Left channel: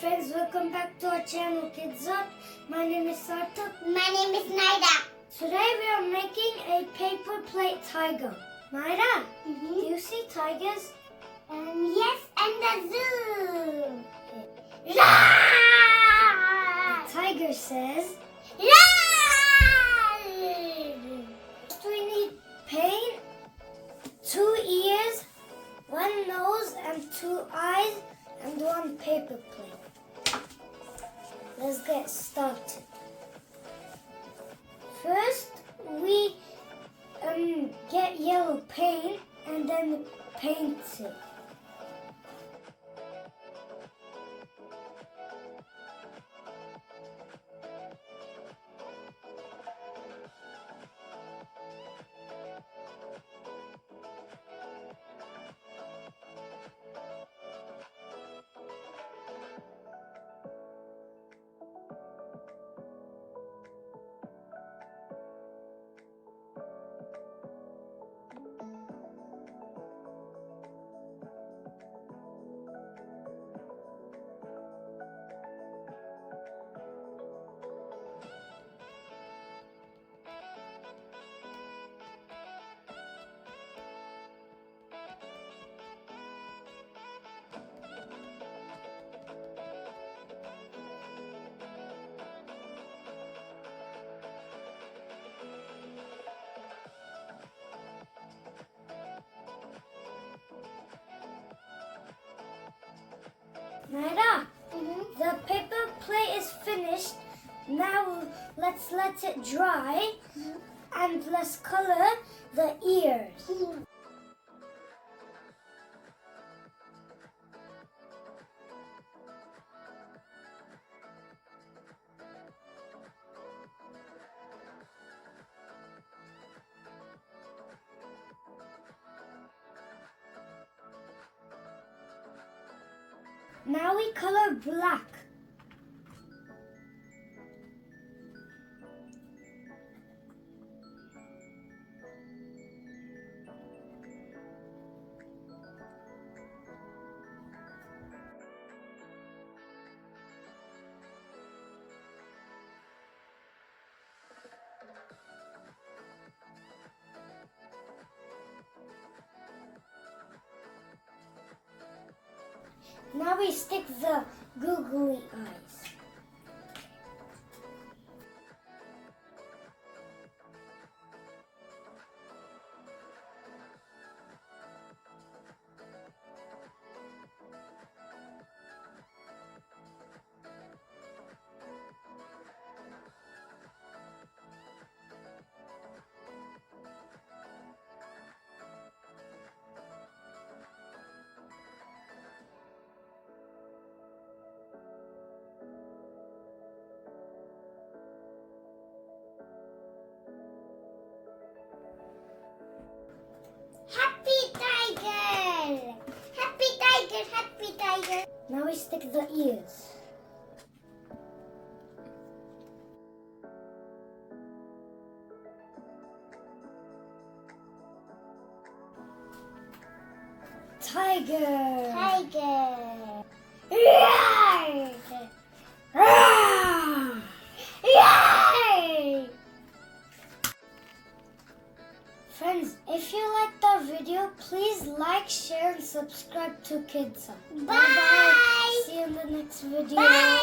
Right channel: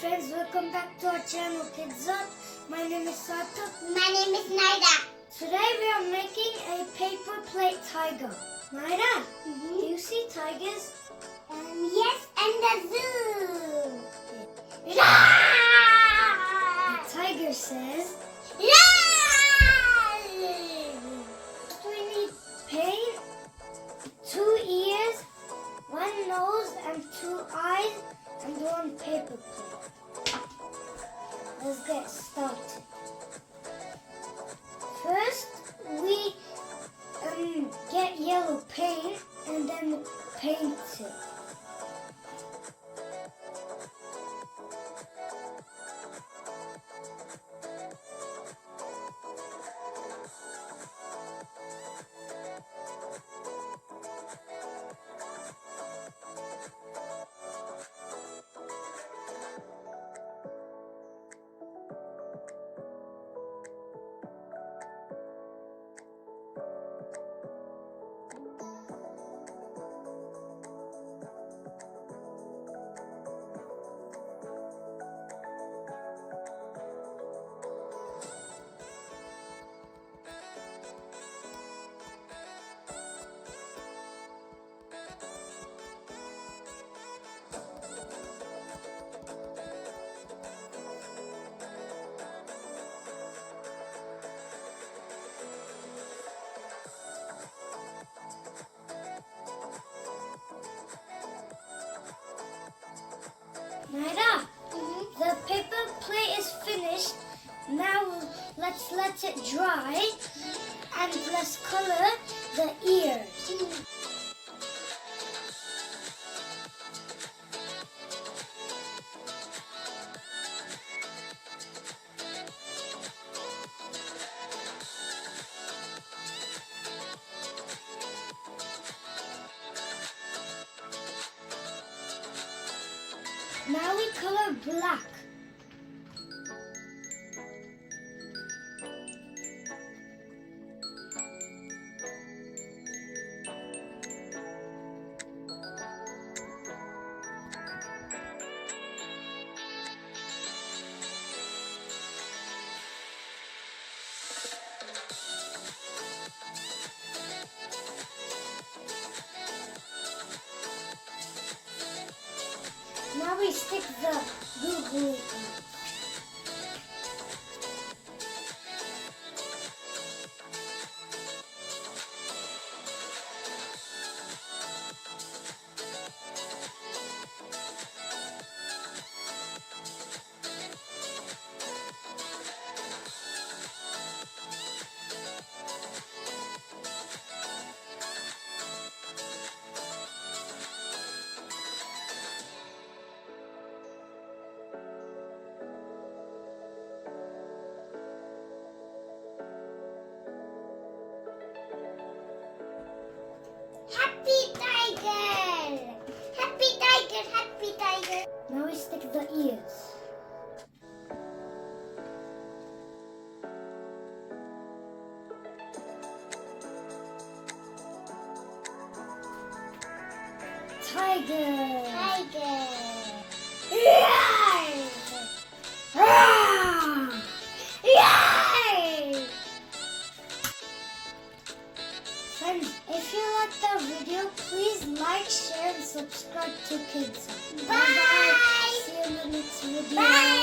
friends, welcome back to our channel Kids Up. My name is Sarthak. My name is Naira. Today we are making a paper plate tiger. Naira, do you see tigers? Yes, and the zoo. The tiger says, we need paint, 2 ears, 1 nose and 2 eyes, and 1 paper plate. Let's get started. First, we get yellow paint and then paint it. Naira, the paper plate is finished. Now let's let it dry and let's color the ears. Now we color black. Now we stick the googly eyes. Happy tiger! Happy tiger! Happy tiger! Now we stick the ears. Tiger! Tiger! Yay! Ah! Yay! Friends, if you like the video, please like, share, and subscribe to Kids Up. Bye! See you in the next video. Bye!